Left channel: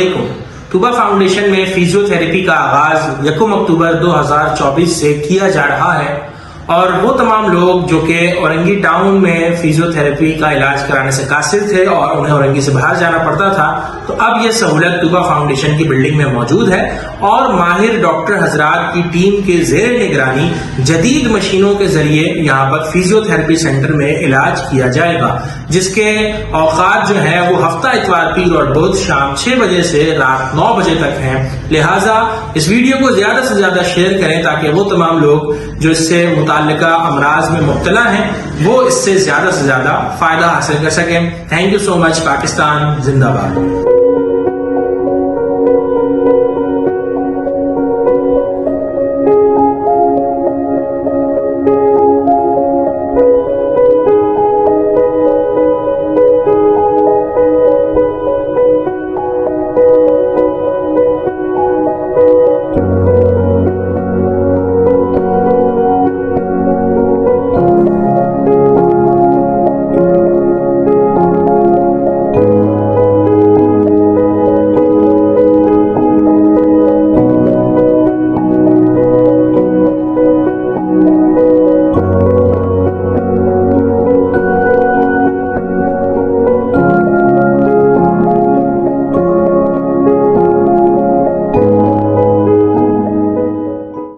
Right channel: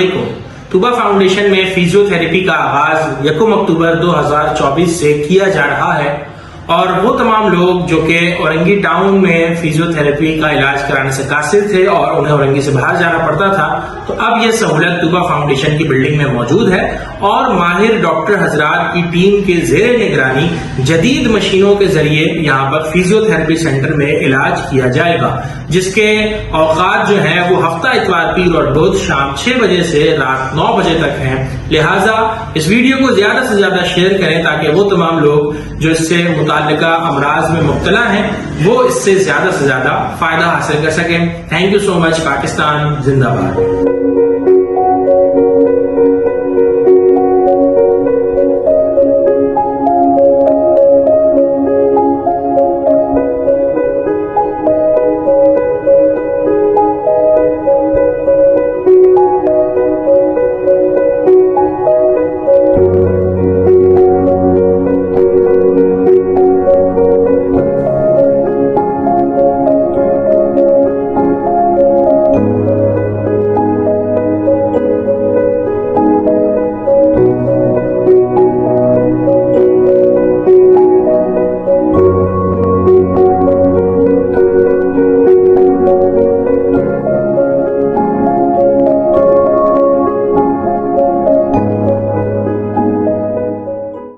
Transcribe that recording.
علیکم. طوبہ فاؤنڈیشن میں فیزیوتھراپی کا آغاز 1 اکتوبر 2024 سے کیا جا رہا ہے اور وہ تمام لوگ جو کہ اورنگی ٹاؤن میں فیزیوتھراپی کا علاج کرانے سے قاصر تھے اور انہیں اورنگی سے باہر جانا پڑتا تھا، تو اب یہ سہولت طوبہ فاؤنڈیشن کی بلڈنگ میں موجود ہے اور ماہر ڈاکٹر حضرات کی ٹیم کے زیر نگرانی جدید مشینوں کے ذریعے یہاں پر فیزیوتھراپی سینٹر میں علاج کیا جائے گا، جس کے اوقات جو ہیں وہ ہفتہ اتوار پیر اور بدھ شام 6 بجے سے رات 9 بجے تک ہیں. لہٰذا اس ویڈیو کو زیادہ سے زیادہ شیئر کریں تاکہ وہ تمام لوگ جو اس سے متعلقہ امراض میں مبتلا ہیں وہ اس سے زیادہ فائدہ حاصل کر سکیں. تھینک یو سو مچ. پاکستان زندہ باد.